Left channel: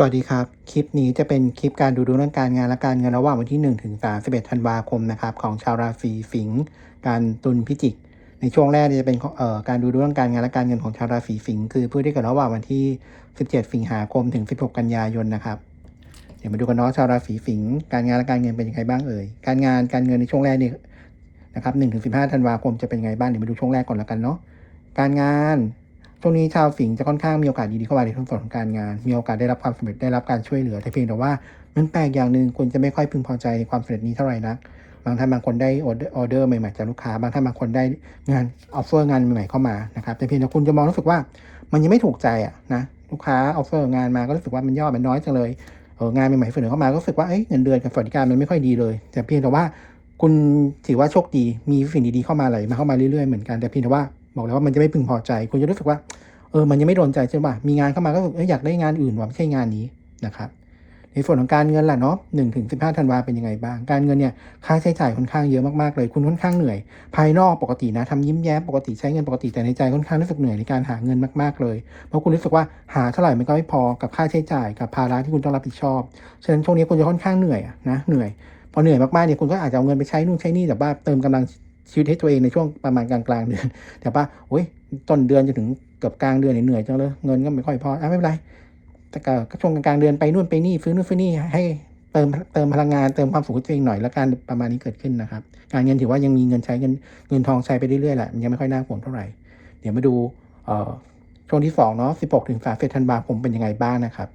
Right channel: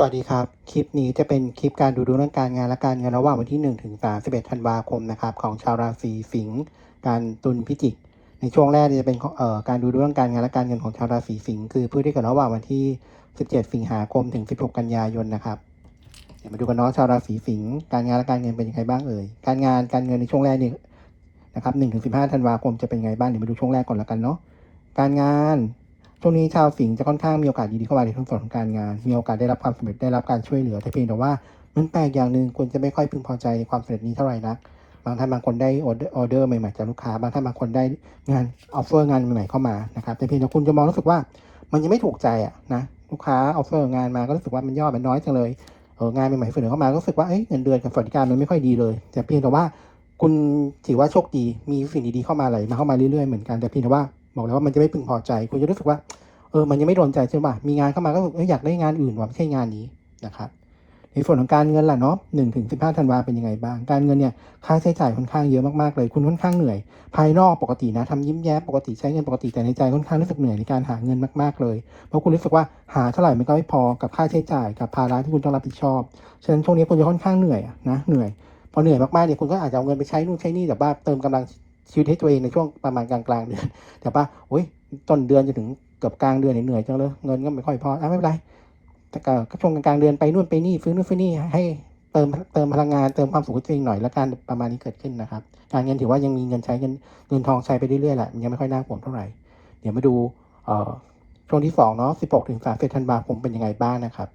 สวัสดีครับ คลิปนี้จะเป็นคลิปการดูดวงเรื่องการงานและการเงินระหว่างวันที่1ถึง31ธันวาคมนะครับของชาวราศีสิงห์การตุลพิจิก ในช่วงแรกจะเป็นเอ่อการดูดวงเรื่องการงานและการเงินของชาวราศีสิงห์คือผู้ที่เกิดระหว่างวันที่ 17 สิงหาคมถึง 16 กันยายนนะครับเดี๋ยวมาดูกันเนาะชาวราศีสิงห์การงานและการเงินเป็นยังไงบ้างเอ่ยการงานการเงินในช่วงแรกนี่นะครับ1ถึง15ธันวาคมจะเป็นยังไงบ้างเดี๋ยวมาดูช่วงแรกก่อนละกันเนาะการงาน ช่วงนี้ชาวสิงห์จะค่อนข้างมีโอกาสดีๆเข้ามาในทุกส่วนของการงาน มีโอกาสได้รับความสำเร็จได้รับการช่วยเหลือแต่เพียงแต่ว่ามันแปลกอย่างหนึ่งคุณจะไม่ค่อยพึงพอใจในความสำเร็จนี้เท่าไหร่นัก บางท่านบางคนได้ออเดอร์ออเดอร์ใหม่ๆจากลูกค้า บางท่านบางคนได้งานออฟเฟอร์งานใหม่ๆเข้ามานะครับแต่เพียงแต่คุณจะมองรู้สึกว่ามันยังไม่ถูกใจอะนะลูกค้าออฟเฟอร์งานมาก็รู้สึกว่ามันยอดมันน้อยจังเลยเอองานใหม่ๆเสนอเข้ามาก็รู้สึกว่าเอ้ยเงินเดือนกับสวัสดิการมันไม่ค่อยดีเลย แต่เพียงแต่ว่าคุณถือว่าโชคดีมีสิ่งดีๆเข้ามาไหลมาเข้ามาเรื่อยๆเหมือนกันแต่เพียงแต่ว่า บอกแล้วว่ามันจะไม่พึงพอใจ คุณจะรู้สึกว่า เออ มันยังไม่โดนใจใช่ป่ะ มีงานเข้ามาก็รู้สึกอยากได้งานอื่นว่ะไม่ใช่งานนี้นะครับ ในส่วนของการเงินล่ะเนาะหนึ่งถึงสิบห้าธันวาเป็นยังไงบ้าง การเงินเนี่ย ค่าใช้จ่ายค่อนข้างเยอะมากๆเลย คุณค่อนข้างเหนื่อย ภายนอกปกตินะทำยิ้มแย้มปกติใช้เงินปกติแต่ในใจค่อนข้างรู้สึกเหนื่อยในการหาเงินมากๆเลย เพราะคุณรู้สึกว่าหาเท่าไหร่มันก็ไม่พอกับค่าใช้จ่ายกับภาระที่คุณต้องรับผิดชอบ ฉะนั้นช่วงนี้คุณจะค่อนข้างเหนื่อยนะ เหนื่อยพอเหนื่อยมากๆเนี่ยคุณก็อาจจะเอาเงินไปใช้นู่นใช้นี่แต่ว่าเติมกำลัง ชีวิตให้ตัวเองในช่วงประมาณกลางกลางเดือน แต่ว่าโอ้ยต้นเดือนจนถึงเกือบกลางเดือนเหนื่อยจังเลยเงินก็ไม่ค่อยพออะไม่เป็นไรแต่ก็ช่วงกลางๆเดือนไปนู่นไปนี่ซื้อนู่นซื้อนี่ให้เติมเติมพลังงานเติมความสุขตัวเองหน่อยแล้วการประมาณนี้เกิดขึ้นนะครับ การเงินถือว่ายังมีเงินใช้เงินเงินทองใช้ไปเรื่อยๆแหละมันยังไม่ค่อยน่าห่วงเท่าไหร่ เดี๋ยวมาดูช่วงที่สองเนาะ16ถึง31ธันวาคมเป็นยังไงบ้างนะครับ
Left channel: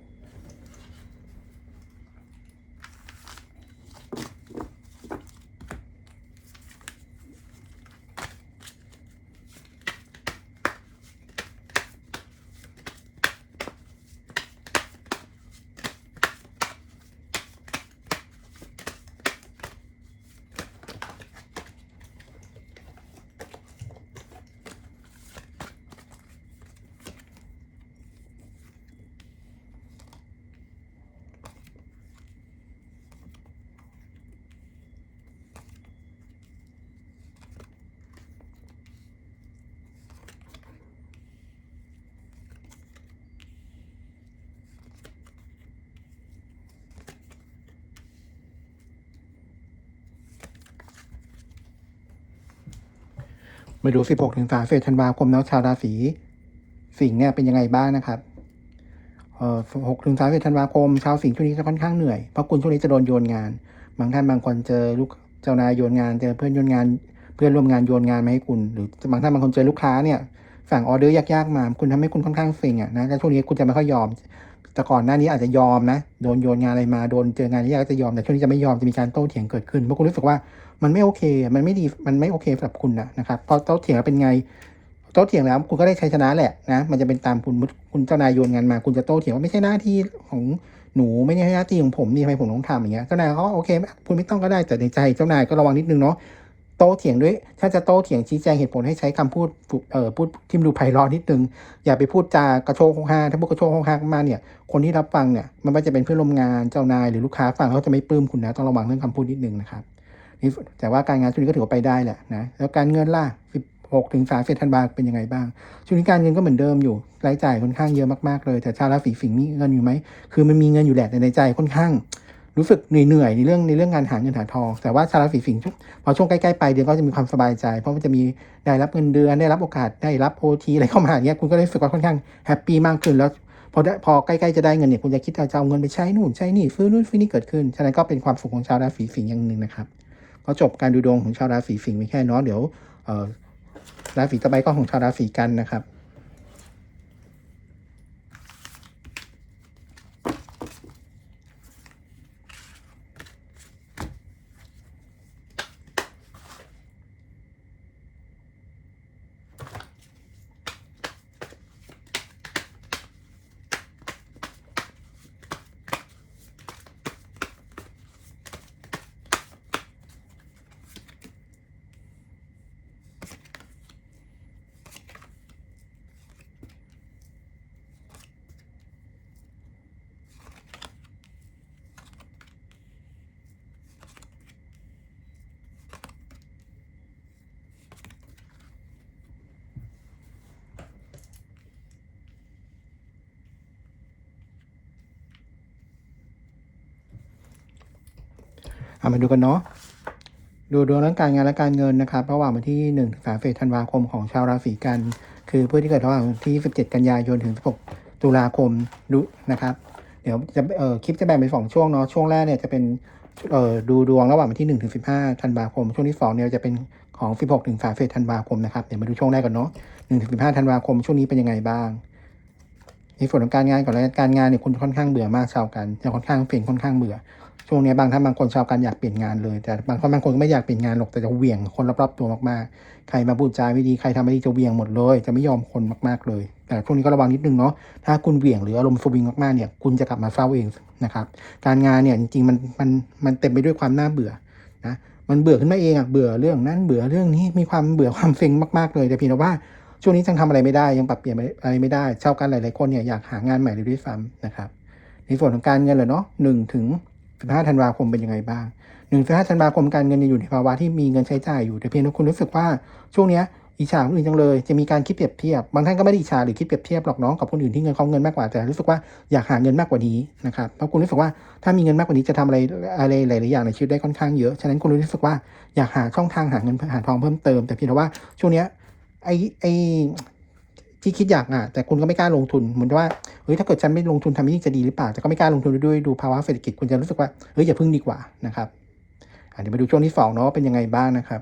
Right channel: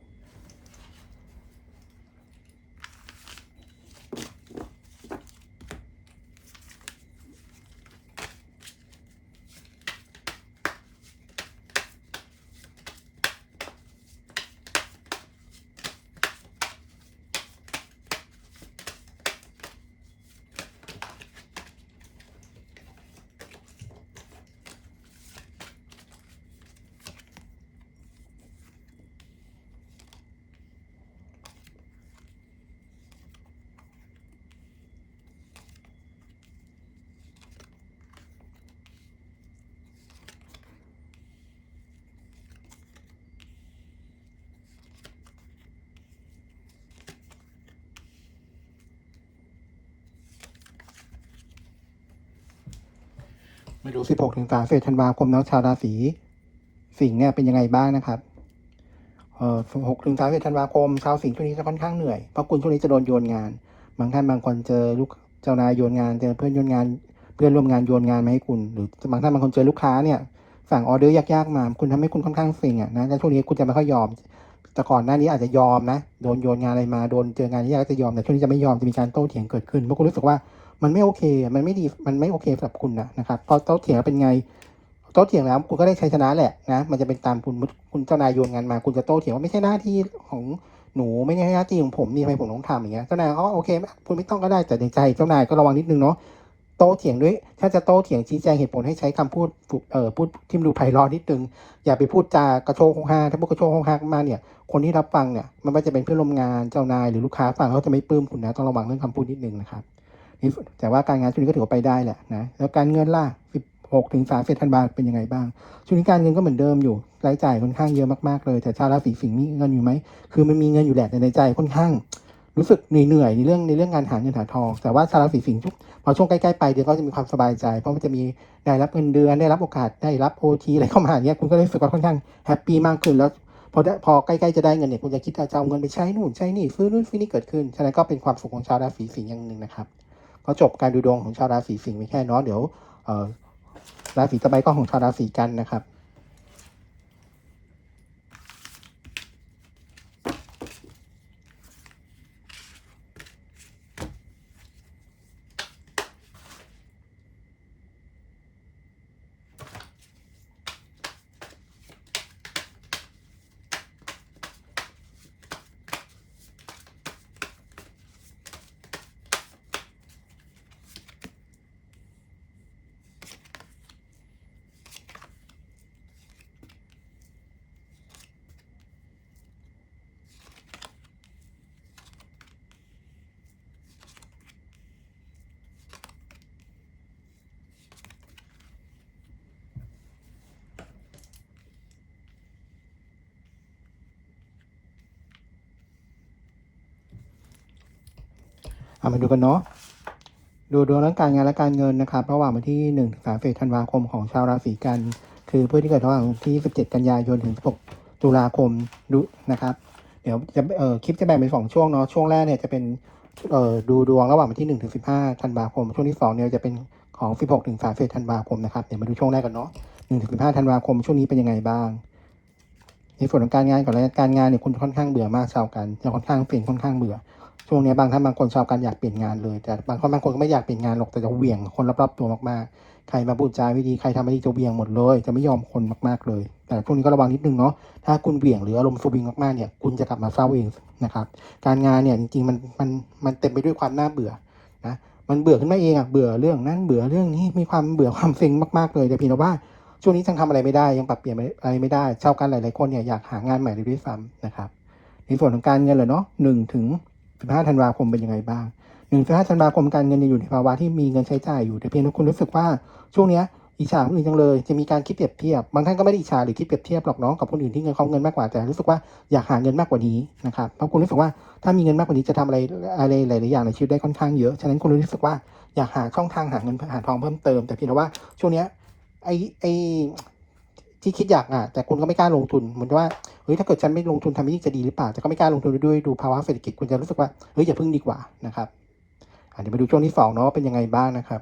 มาดู 16 ถึง31ธันวาคมเนาะชาวราศีสิงห์เนี่ยเป็นยังไงบ้างนะครับเอ่อ6ถึง31ธันวาคมชาวสิงห์ช่วงนี้จะค่อนข้างเหนื่อย เพราะคุณช่วงนี้จะโดนโยนงาน บางท่านบางคนเจอลูกเจ้านายโยนงาน เจอเพื่อนโยนงาน เพื่อนร่วมงานโยนงานมาให้คุณ หรือบางท่านบางคนเจอลูกค้าเนี่ยสั่งออเดอร์ยากๆมา คุณทำให้คุณค่อนข้างเซ็งอะนะแล้วช่วงนี้คุณจะไม่ค่อยยอม แต่ก่อนหน้านี้อาจจะยอมนะ โดนโยนงานอะไรมา โดนเจองานยากจะยอม แต่ช่วงนี้จะไม่ยอม จะมีการโต้เถียงเกิดขึ้น เพราะคุณรู้สึกว่ามันไม่โอเค มันไม่ดี มันไม่โอเคสำหรับคุณนะนะครับพอโต้เถียงเป็นไง โต้เถียงแล้วคุณก็ได้ชัยชนะแหละนะ มันจะเป็นตามคุณ คุณเจ้านายโยนงานมา คุณจะโต้เถียงว่าไม่ใช่หน้าที่ของหนูไม่ใช่หน้าที่ของผมนี่ทำไมผมต้องทำอย่างเงี้ย เจ้านายเขาโอเคคุณไม่ต้องก็ได้ แต่ในใจเจ้านายก็ระวังนิดนึงเนาะ ต้เถียงด้วย ถ้าจะโต้เถียงชี้แจงเหตุผลให้ใช้คำพูดเอ่อพูดที่มันดูไพเราะนิดนึง อย่าไปพูดจากระโชกโคกฮาถ้าพูดกระโชกโคกฮามาเนี่ย คนที่รับฟังเนี่ย มันไม่จะเป็นเพื่อนร่วมงานเจ้านายหรือลูกค้าฟังเขาจะไม่ปลื้มคุณนะ ต้องระวังเรื่องคำพูดนิดนึงนะครับแต่ว่าการงานช่วงนี้ก็ถือว่าไปได้แหละนะ แล้วการเงินล่ะ16ถึง30ธันวาคมเป็นยังไงบ้าง ช่วงนี้การเงินก็เหมือนเดิมอยู่ รายจ่ายค่อนข้างเยอะมากๆเลย แต่ชาวราศีสิงห์มีเงินอยู่ไหม คือมันมีเงินอยู่แหละแต่ในใจค่อนข้าง รู้สึกเหนื่อยในเรื่องในเรื่องงานหาเงินหาทอง แต่ว่าชาวราศีสิงห์ทุกพอช่วงใกล้ๆไปลายเดือนก็จะมีความสบายใจ เพราะมันจะมีได้รับเงินเดือนได้รับโอกาสได้รับโอทีอะไรเข้ามาเงี้ยคุณก็รู้สึกว่าค่อนข้างแฮปปี้มากขึ้นแล้วพอได้พอใกล้ๆจะได้เงินเนี่ยคุณจะคิดว่าจะเอาเงินไปใช้นู่นใช้นี่ซื้อนู่นซื้อนี่เกิดขึ้นฉะนั้นก็เป็นความสุขของชาวราศีสิงห์อย่างหนึ่งนะครับก็จบการดูดวงของชาวราศีสิงห์มีแค่น้อเดี๋ยวราศีต่อไปก็ของชาวราศีกันนะครับ มาดูกันเนาะดูดวงเรื่องการงานและการเงินนะครับระหว่างวันที่1ถึง3ธันวาคมของชาวราศีกัน คือผู้ที่เกิดระหว่างวันที่ 17 กันยายนถึง 16 ตุลาคมดูนะครับ เดี๋ยวจะเออคลิปจะแบ่งเป็นสองช่วงเนาะช่วงแรกเนี่ยจะเป็นเออดูดวงระหว่างวันที่1ถึง15ธันวาคม ช่วงที่2เนี่ยจะเป็นของ 16 ถึง31ธันวาคมนะครับเดี๋ยวมาดูช่วงแรกก่อนเนาะ1ถึง15ธันวาคมช่วงนี้เป็นยังไงบ้างในส่วนของการงานก่อนแล้วการงานเนี่ยคุณค่อนข้างเบื่อมากชาวกันจะค่อนข้างเปลี่ยนค่อนข้างเบื่อ ช่วงนี้บางท่านบางคนชาวกันอยากเปลี่ยนงานเลย แต่บางคนบางคนก็ไม่อยากเปลี่ยนงานหรอกแต่จะเหวี่ยงคนรอบๆตัวมากๆ ใครมาพูดจาไม่ดีใครทำไม่ดีจะเหวี่ยงหมดเลย จะไม่ยอมคนมากๆเลย แต่ช่วงนี้ก็ระวังนิดนึงเนาะถ้าคุณเหวี่ยงหรืออารมณ์สวิงมากๆเนี่ยคุณจะกลับมาเศร้าเองนะครับการงานเนี่ยจริงๆมันมันมันเต็มไปด้วยความน่าเบื่อนะมันเบื่อขึ้นมาเองอะเบื่อเรื่องนั้นเบื่อเรื่องนี้มีความเบื่อความเซ็งมากๆเลยแต่เพียงแต่ว่าช่วงนี้ยังทำอะไรไม่ได้ยังปรับเปลี่ยนอะไรไม่ได้ชาวกันหลายๆคนเนี่ยอยากหางานใหม่เลยด้วยซ้ำนะครับในส่วนของการเงินเลยเนาะหนึ่งถึง สิบห้าธันวาคมเป็นยังไงบ้างหนึ่งถึงห้าธันวาคมการเงินยังอยู่ในภาวะที่มีเงินใช้จ่ายอยู่แต่เพียงแต่คุณรู้สึกว่าช่วงเนี้ยอิจฉาคนอื่นจังเลยจะมีการคิดเปรียบเทียบบางท่านก็ไม่ได้อิจฉาหรือคิดเปรียบเทียบหรอกน้องกับคนอื่นที่เงินเขาเงินมากกว่าแต่รู้สึกว่าอยากหาเงินมากกว่านี้นะครับเพราะคุณรู้สึกว่าถ้ามีเงินมากกว่านี้จะทำอะไรอะไรหลายๆอย่างในชีวิตได้ค่อนข้างเยอะฉะนั้นคุณรู้สึกว่าอยากหาช่องทางหาเงินหาทองเพิ่มเติมแต่เพียงแต่ว่าช่วงเนี้ยไอไอ ที่คิดอยากอะแต่คุณก็ไม่กล้าลงทุนเหมือนว่าเฮ้ยถ้าเกิดฉันไม่ลงทุนทำนี่จะดีหรือเปล่าแต่ก็ไม่กล้าลงทุนด้วยดูภาวะเศรษฐกิจคุณจะรู้สึกว่าเฮ้ยอย่าพึ่งดีกว่านะครับเดี๋ยวมาดูช่วงที่สองเนาะว่าเป็นยังไงบ้างนะครับ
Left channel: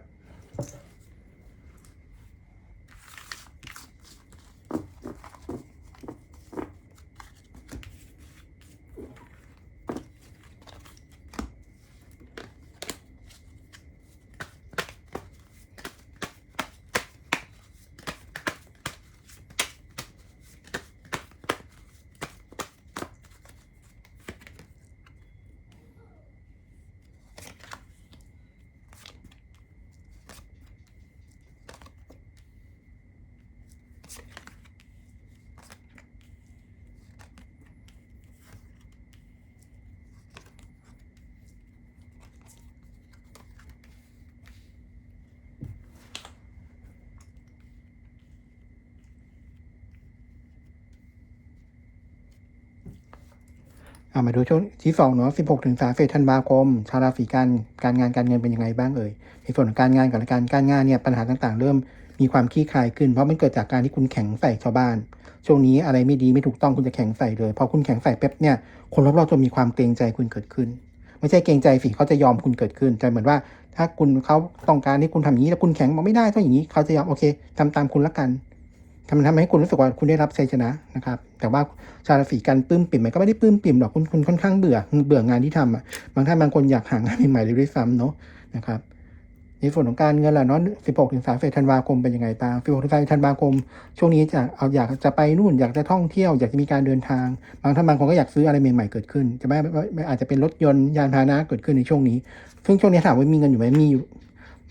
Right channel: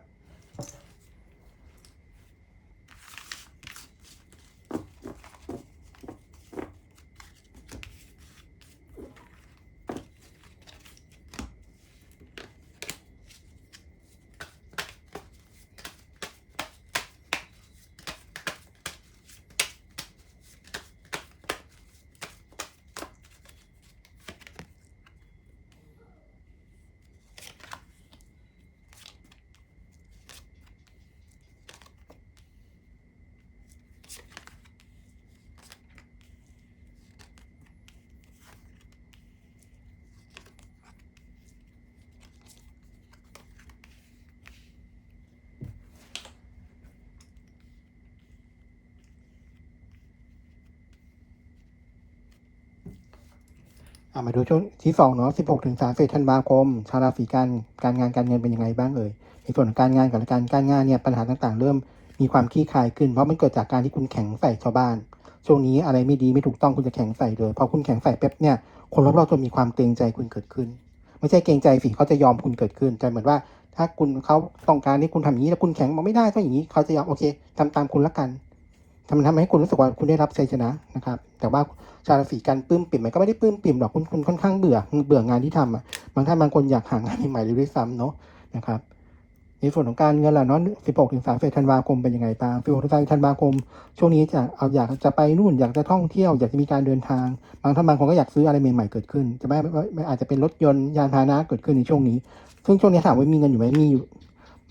มาดูช่วงที่สองเนาะ16ถึง30ธันวาคม ชาวราศีกันการงานการเงินเป็นยังไงบ้างเอ่ย ในส่วนของการงานกับการการงานเนี่ยปัญหาต่างๆ เริ่มมีความคลี่คลายขึ้น เพราะมันเกิดจากการที่คุณแข็งใส่ชาวบ้าน ช่วงนี้อะไรไม่ดีไม่ถูกต้องคุณจะแข็งใส่เลย พอคุณแข็งใส่เป๊บเนี่ย คนรอบๆจะมีความเกรงใจคุณเกิดขึ้น ไม่ใช่เกรงใจสิเขาจะยอมคุณเกิดขึ้นแต่เหมือนว่า ถ้าคุณเขาต้องการให้คุณทำอย่างนี้แล้วคุณแข็งบอกไม่ได้ต้องอย่างนี้เขาจะยอมโอเคทำตามคุณละกัน ทำทำให้คุณรู้สึกว่าคุณได้รับชัยชนะนะครับ แต่ว่าชาวราศีกันปลื้มปิ่มมันก็ไม่ได้ปลื้มปิ่มหรอกคุณคุณค่อนข้างเบื่อเบื่องานที่ทำอะบางท่านบางคนอยากหางานใหม่ๆด้วยซ้ำเนาะนะครับในส่วนของการเงินล่ะเนาะ16ถึง30ธันวาคมเป็นยังไงบ้าง16ถึง30ธันวาคม ช่วงนี้จะเอาอยากจะไปนู่น อยากจะท่องเที่ยว อยากจะมีการเดินทาง บางท่านบางคนก็อยากซื้ออะไรใหม่ๆเกิดขึ้น จะไม่ไม่ไม่อาจจะเป็นรถยนต์ยานพาหนะเกิดขึ้นในช่วงนี้ ซึ่งช่วงนี้ถามว่ามีเงินอยู่ไหมมีอยู่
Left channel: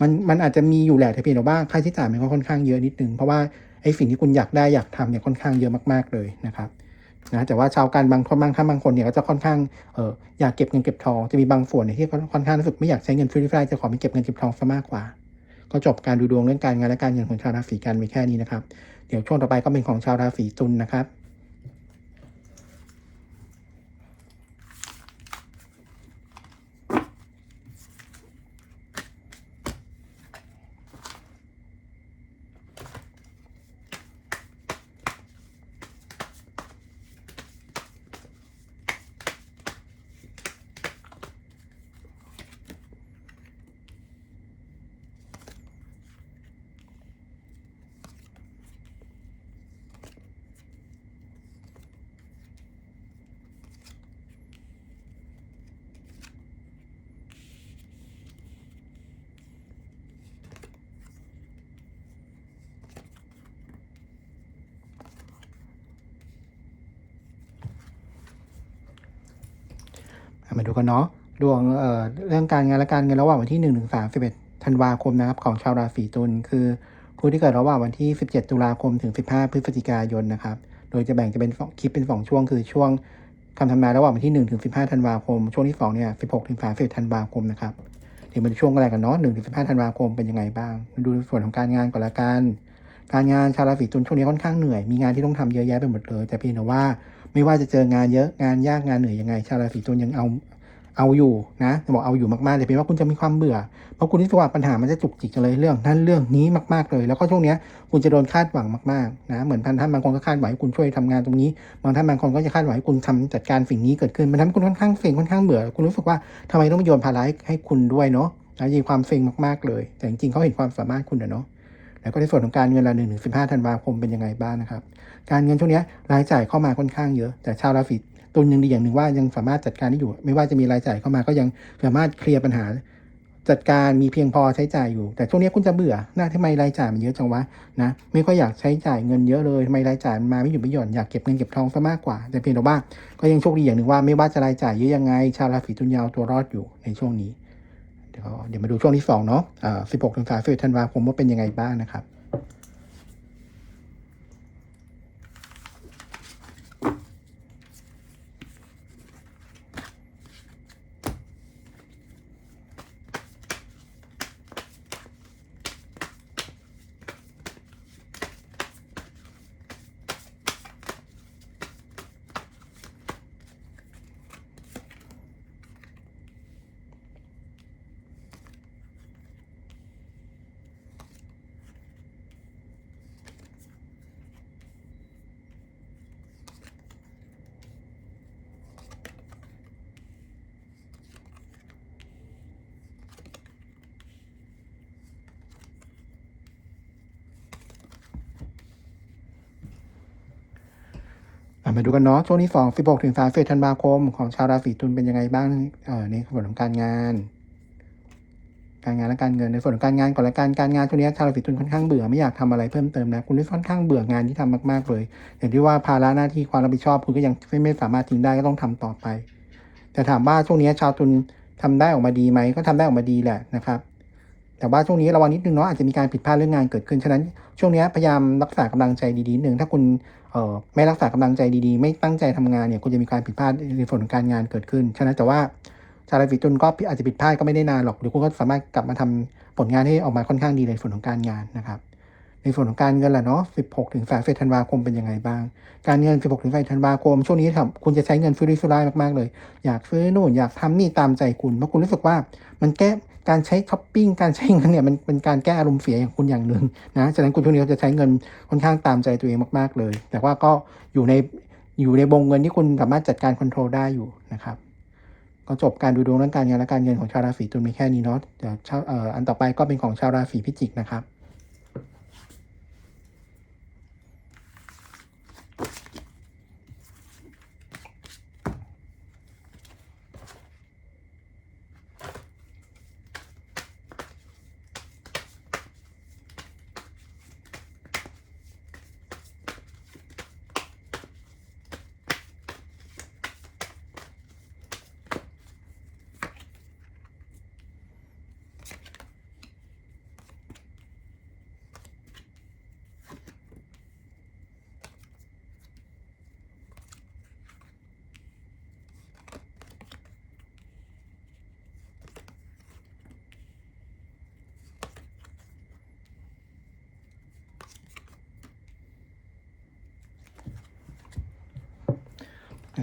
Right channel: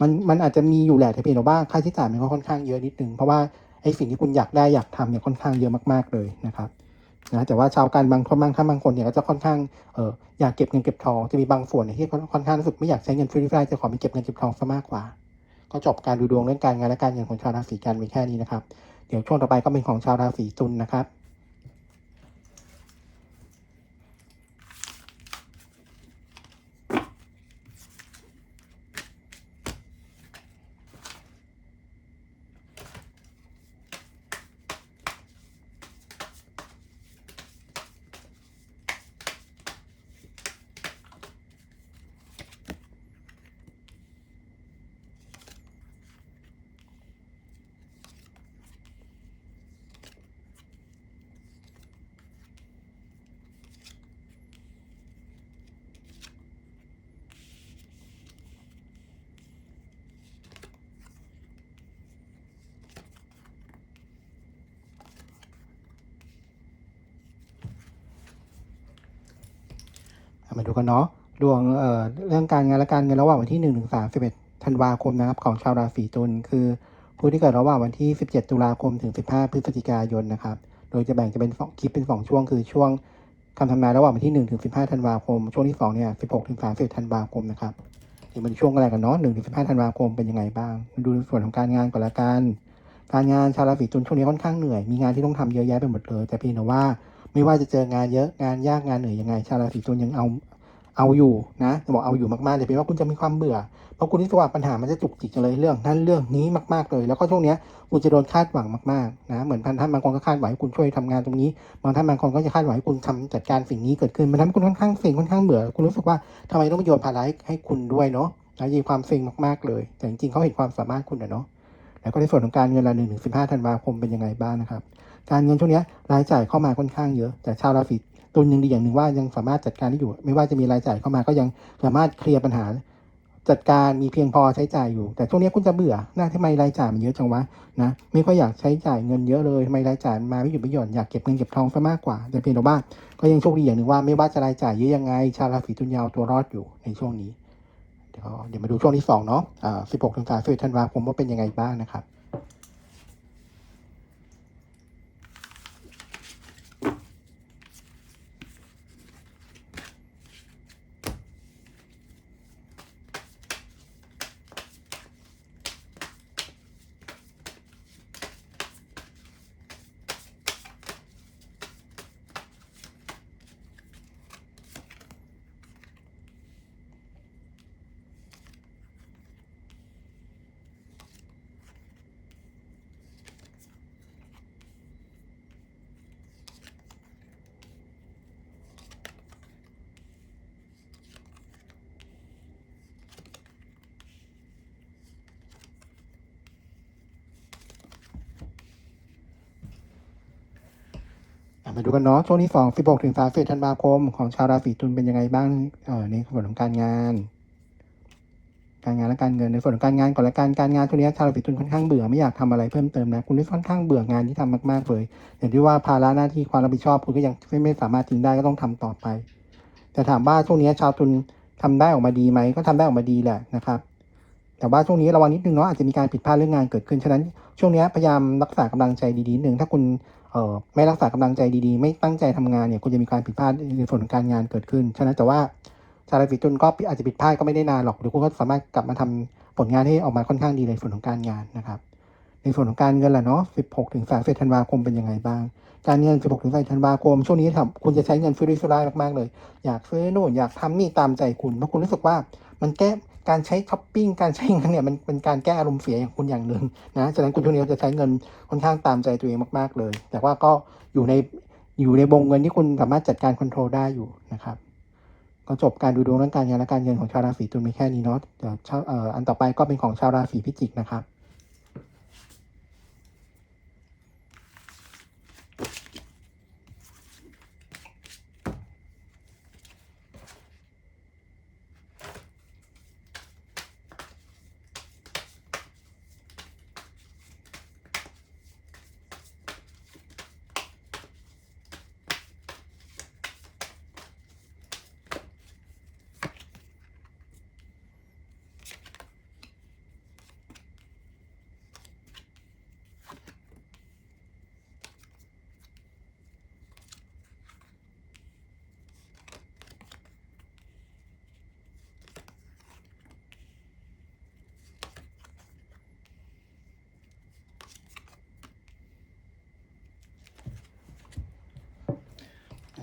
มันมันอาจจะมีอยู่แหละแต่เพียงแต่ว่าค่าใช้จ่ายมันก็ค่อนข้างเยอะนิดนึง เพราะว่า ไอ้สิ่งที่คุณอยากได้อยากทำเนี่ยค่อนข้างเยอะมากๆเลยนะครับนะแต่ว่าชาวการบางคนบางท่านบางคนเนี่ยก็จะค่อนข้างเอออยากเก็บเงินเก็บทองจะมีบางส่วนเนี่ยที่ค่อนข้างรู้สึกไม่อยากใช้เงินฟรีๆจะขอไปเก็บเงินเก็บทองซะมากกว่า ก็จบการดูดวงเรื่องการงานและการเงินของชาวราศีกันไปแค่นี้นะครับเดี๋ยวช่วงต่อไปก็เป็นของชาวราศีตุลนะครับ มาดูกันเนาะดวงเอ่อเรื่องการงานและการเงินระหว่างวันที่1ถึง31ธันวาคมนะครับของชาวราศีตุลคือผู้ที่เกิดระหว่างวันที่ 17 ตุลาคมถึง 15 พฤศจิกายนนะครับ โดยจะแบ่งจะเป็นคลิปเป็นสองช่วง คือช่วงคำทำนายระหว่างวันที่1ถึง15ธันวาคม ช่วงที่2เนี่ย16ถึง30ธันวาคมนะครับถึงเป็นช่วงอะไรกันเนาะ1ถึง15ธันวาคมเป็นยังไงบ้าง ดูส่วนของการงานก่อนละกันการงานชาวราศีตุลช่วงนี้ค่อนข้างเหนื่อย มีงานที่ต้องทำเยอะแยะไปหมดเลย แต่เพียงแต่ว่า ไม่ว่าจะเจองานเยอะงานยากงานเหนื่อยยังไง ชาวราศีตุลยังเอาเอาอยู่นะบอกเอาอยู่มากๆเลยเป็นว่าคุณจะมีความเบื่อเพราะคุณรู้สึกว่าปัญหามันจะจุกจิกเลยเรื่องนั้นเรื่องนี้มากๆเลย แล้วก็ช่วงนี้คุณจะโดนคาดหวังมากๆนะเหมือนพันท่านบางคนก็คาดหวังให้คุณช่วยทำงานตรงนี้บางท่านบางคนก็จะคาดหวังให้คุณทำจัดการสิ่งนี้เกิดขึ้นมันทำให้คุณค่อนข้างเซ็งค่อนข้างเบื่อคุณรู้สึกว่าทำไมต้องมาโยนภาระให้ให้คุณด้วยเนาะแล้วมีความเซ็งมากๆเลย แต่จริงๆเขาเห็นความสามารถคุณนะเนาะ แล้วก็ในส่วนของการเงินละหนึ่งถึงสิบห้าธันวาคมเป็นยังไงบ้างนะครับ การเงินช่วงนี้รายจ่ายเข้ามาค่อนข้างเยอะ แต่ชาวราศีตุลยังดีอย่างหนึ่งว่ายังสามารถจัดการได้อยู่ ไม่ว่าจะมีรายจ่ายเข้ามาก็ยังสามารถเคลียร์ปัญหา จัดการมีเพียงพอใช้จ่ายอยู่ แต่ช่วงนี้คุณจะเบื่อนะทำไมรายจ่ายมันเยอะจังวะนะ ไม่ค่อยอยากใช้จ่ายเงินเยอะเลยทำไมรายจ่ายมันมาไม่หยุดไม่หย่อนอยากเก็บเงินเก็บทองซะมากกว่า แต่เพียงแต่ว่าก็ยังโชคดีอย่างหนึ่งว่าไม่ว่าจะรายจ่ายเยอะยังไง ชาวราศีตุลยาวตัวรอดอยู่ในช่วงนี้ เดี๋ยวเดี๋ยวมาดูช่วงที่สองเนาะอ่า16ถึง31ธันวาคมว่าเป็นยังไงบ้างนะครับ มาดูกันเนาะช่วงที่สอง16ถึง31ธันวาคมของชาวราศีตุลเป็นยังไงบ้างเออในส่วนของการงาน การงานและการเงินในส่วนของการงานก่อนละกันการงานช่วงนี้ชาวราศีตุลค่อนข้างเบื่อไม่อยากทำอะไรเพิ่มเติมนะคุณได้ค่อนข้างเบื่องานที่ทำมากๆเลยอย่างที่ว่าภาระหน้าที่ความรับผิดชอบคุณก็ยังไม่ไม่สามารถทิ้งได้ก็ต้องทำต่อไป แต่ถามว่าช่วงนี้ชาวตุลทำได้ออกมาดีไหมก็ทำได้ออกมาดีแหละนะครับ แต่ว่าช่วงนี้ระวังนิดนึงเนาะอาจจะมีการผิดพลาดเรื่องงานเกิดขึ้นฉะนั้นช่วงนี้พยายามรักษากำลังใจดีๆนิดนึงถ้าคุณเอ่อไม่รักษากำลังใจดีๆ ไม่ตั้งใจทำงานเนี่ยคุณจะมีการผิดพลาดในส่วนของการงานเกิดขึ้นฉะนั้นแต่ว่าชาวราศีตุลก็อาจจะผิดพลาดก็ไม่ได้นานหรอกเดี๋ยวคุณก็สามารถกลับมาทำผลงานให้ออกมาค่อนข้างดีในส่วนของการงานนะครับ ในส่วนของการเงินล่ะเนาะ 16 ถึง31ธันวาคมเป็นยังไงบ้าง การเงิน 16 ถึง31ธันวาคม ช่วงนี้ทำคุณจะใช้เงินฟริสุร่ายมากๆเลย อยากซื้อนู่นอยากทำนี่ตามใจคุณ เพราะคุณรู้สึกว่ามันแก้ การใช้ช้อปปิ้งการใช้เงินเนี่ยมันเป็นการแก้อารมณ์เสียอย่างคุณอย่างหนึ่งนะฉะนั้นคุณช่วงนี้จะใช้เงินค่อนข้างตามใจตัวเองมากๆเลย แต่ว่าก็อยู่ในอยู่ในวงเงินที่คุณสามารถจัดการคอนโทรลได้อยู่นะครับก็จบการดูดวงเรื่องการงานและการเงินของชาวราศีตุลมีแค่นี้เนาะเดี๋ยวชาวอันต่อไปก็เป็นของชาวราศีพิจิกนะครับ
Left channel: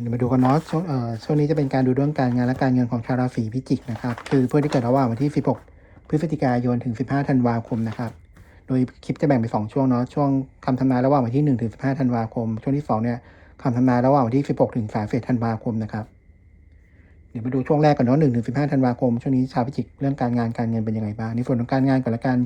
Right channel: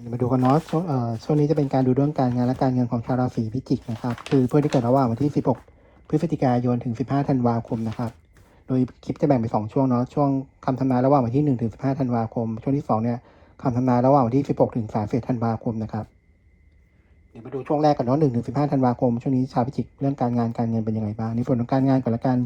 เดี๋ยวมาดูกันเนาะช่วงเอ่อช่วงนี้จะเป็นการดูเรื่องการงานและการเงินของชาวราศีพิจิกนะครับ คือเพื่อที่เกิดระหว่างวันที่ 16 พฤศจิกายนถึง 15 ธันวาคมนะครับ โดยคลิปจะแบ่งเป็น2ช่วงเนาะ ช่วงคำทำนายระหว่างวันที่ 1 ถึง 15 ธันวาคม ช่วงที่2เนี่ยคำทำนายระหว่างวันที่ 16 ถึง31ธันวาคมนะครับ เดี๋ยวมาดูช่วงแรกกันเนาะ1ถึง15ธันวาคม ช่วงนี้ชาวพิจิกเรื่องการงานการเงินเป็นยังไงบ้าง ในส่วนของการงานก่อนละกัน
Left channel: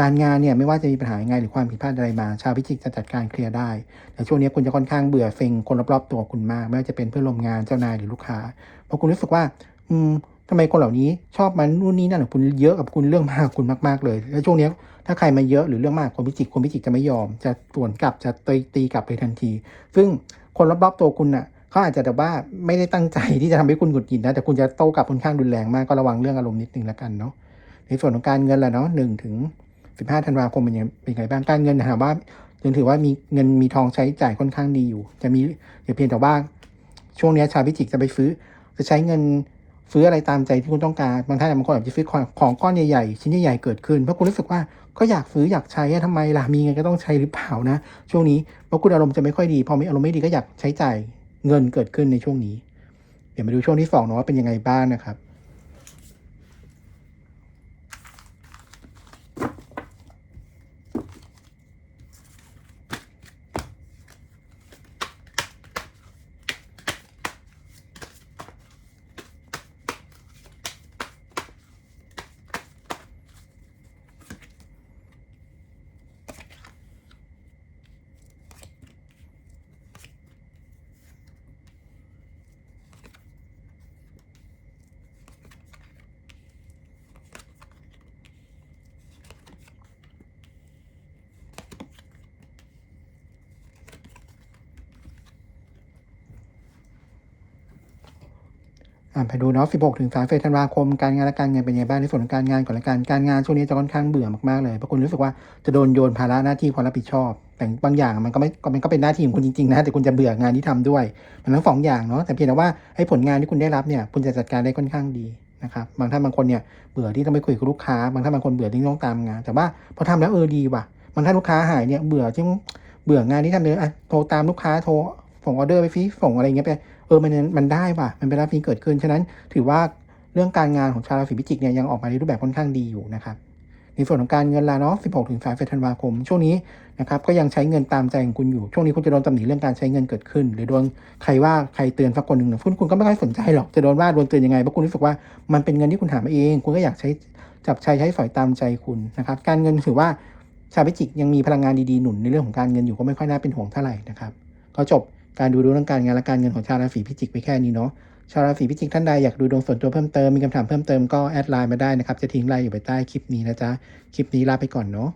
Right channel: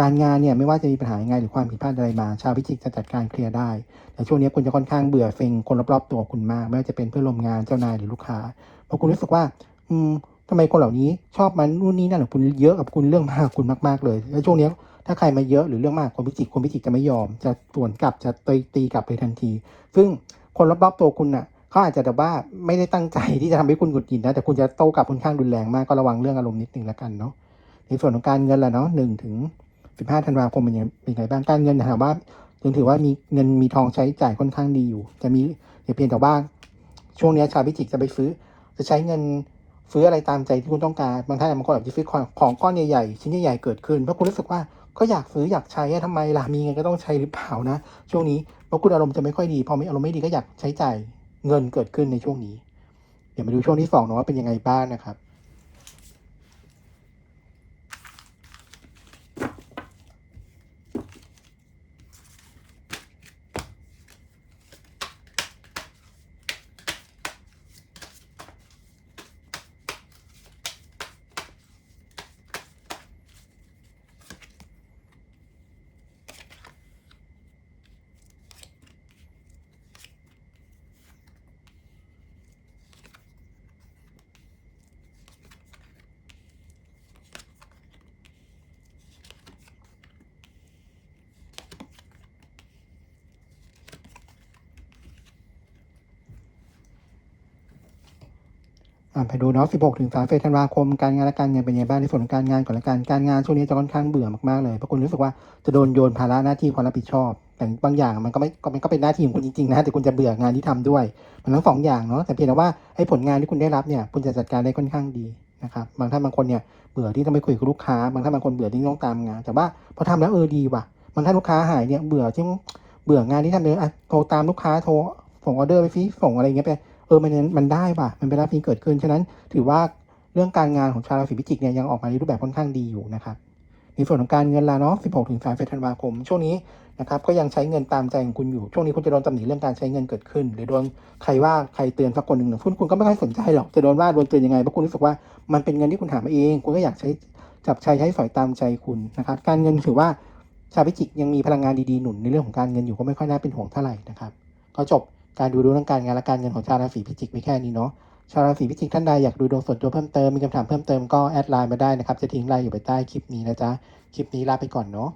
การงานเนี่ยไม่ว่าจะมีปัญหายังไงหรือความผิดพลาดอะไรมา ชาวพิจิกจะจัดการเคลียร์ได้ แต่ช่วงนี้คุณจะค่อนข้างเบื่อเซ็งคนรอบๆตัวคุณมาก ไม่ว่าจะเป็นเพื่อนร่วมงานเจ้านายหรือลูกค้า เพราะคุณรู้สึกว่า อืมทำไมคนเหล่านี้ชอบมันนู่นนี่นั่นกับคุณเยอะกับคุณเรื่องมากคุณมากๆเลย แล้วช่วงนี้ถ้าใครมาเยอะหรือเรื่องมากคนพิจิกคนพิจิกจะไม่ยอม จะสวนกลับจะตีตีกลับเลยทันที ซึ่งคนรอบๆตัวคุณน่ะ เขาอาจจะแบบว่าไม่ได้ตั้งใจที่จะทำให้คุณหงุดหงิดนะ แต่คุณจะโต้กลับค่อนข้างรุนแรงมากก็ระวังเรื่องอารมณ์นิดนึงแล้วกันเนาะในส่วนของการเงินแหละเนาะหนึ่งถึงสิบห้าธันวาคมเป็นยังเป็นไงบ้างการเงินถามว่ายังถือว่ามีเงินมีทองใช้จ่ายค่อนข้างดีอยู่ จะมีแต่เพียงแต่ว่าช่วงนี้ชาวพิจิกจะไปซื้อจะใช้เงินซื้ออะไรตามใจที่คุณต้องการบางท่านบางคนอาจจะซื้อของก้อนใหญ่ๆชิ้นใหญ่ๆเกิดขึ้นเพราะคุณรู้สึกว่าก็อยากซื้ออยากใช้อะทำไมล่ะมีเงินก็ต้องใช้หรือเปล่านะ ช่วงนี้เพราะคุณอารมณ์จะไม่ค่อยดีพอมีอารมณ์ไม่ดีก็อยากใช้จ่าย เงินเกิดขึ้นในช่วงนี้ เดี๋ยวมาดูช่วงที่สองเนาะว่าเป็นยังไงบ้างนะครับ ไปดูเนาะ 16 ถึง31ธันวาคม การงานและการเงินเป็นยังไงบ้างในส่วนของการงานก่อนละกัน การงานช่วงนี้จะค่อนข้างเบื่อมากๆเลย เพราะคุณรู้สึกว่าจะโดนโยนภาระหน้าที่ความรับผิดชอบ แต่บางอย่างมันก็ไม่ก็มันก็เป็นหน้าที่ของคุณจริงๆนะ แต่คุณจะเบื่องานที่ทำด้วย มันทั้งสองอย่างเนาะ แต่เพียงแต่ว่าไอ้ผลงานที่คุณได้รับเนี่ย คุณจะจัดการได้ค่อนข้างดีนะครับ บางท่านบางคนเนี่ยเบื่อที่ต้องไปคุยกับลูกค้า บางท่านบางคนเบื่อที่ต้องตามงาน แต่ว่าพอทำแล้วเออดีว่ะ บางท่านลูกค้าหายเนี่ยเบื่อที่เบื่องานที่ทำเลยอะโทรตามลูกค้าโทรส่งออเดอร์ไปฟิส่งอะไรเงี้ยไป เออมันมันได้ว่ะมันเป็นรับที่เกิดขึ้น ฉะนั้นถือว่าเรื่องการงานของชาวราศีพิจิกเนี่ยยังออกมาในรูปแบบค่อนข้างดีอยู่นะครับในส่วนของการเงินละเนาะ 16 ถึง3ธันวาคม ช่วงนี้นะครับก็ยังใช้เงินตามใจของคุณอยู่ ช่วงนี้คุณจะโดนตำหนิเรื่องการใช้เงินเกิดขึ้น หรือโดนใครว่าใครเตือนสักคนหนึ่งเนี่ยคุณคุณก็ไม่ค่อยสนใจหรอก จะโดนว่าโดนเตือนยังไง เพราะคุณรู้สึกว่ามันเป็นเงินที่คุณหามาเอง คุณก็อยากใช้จับใช้ใช้สอยตามใจคุณนะครับ การเงินถือว่าชาวพิจิกยังมีพลังงานดีๆหนุนในเรื่องของการเงินอยู่ก็ไม่ค่อยน่าเป็นห่วงเท่าไหร่นะครับ ก็จบ การดูดวงทางการงานและการเงินของชาวราศีพิจิกไปแค่นี้เนาะชาวราศีพิจิกท่านใดอยากดูดวงส่วนตัวเพิ่มเติมมีคำถามเพิ่มเติมก็แอดไลน์มาได้นะครับจะทิ้งไลน์อยู่ไปใต้คลิปนี้นะจ๊ะคลิปนี้ลาไปก่อนเนาะ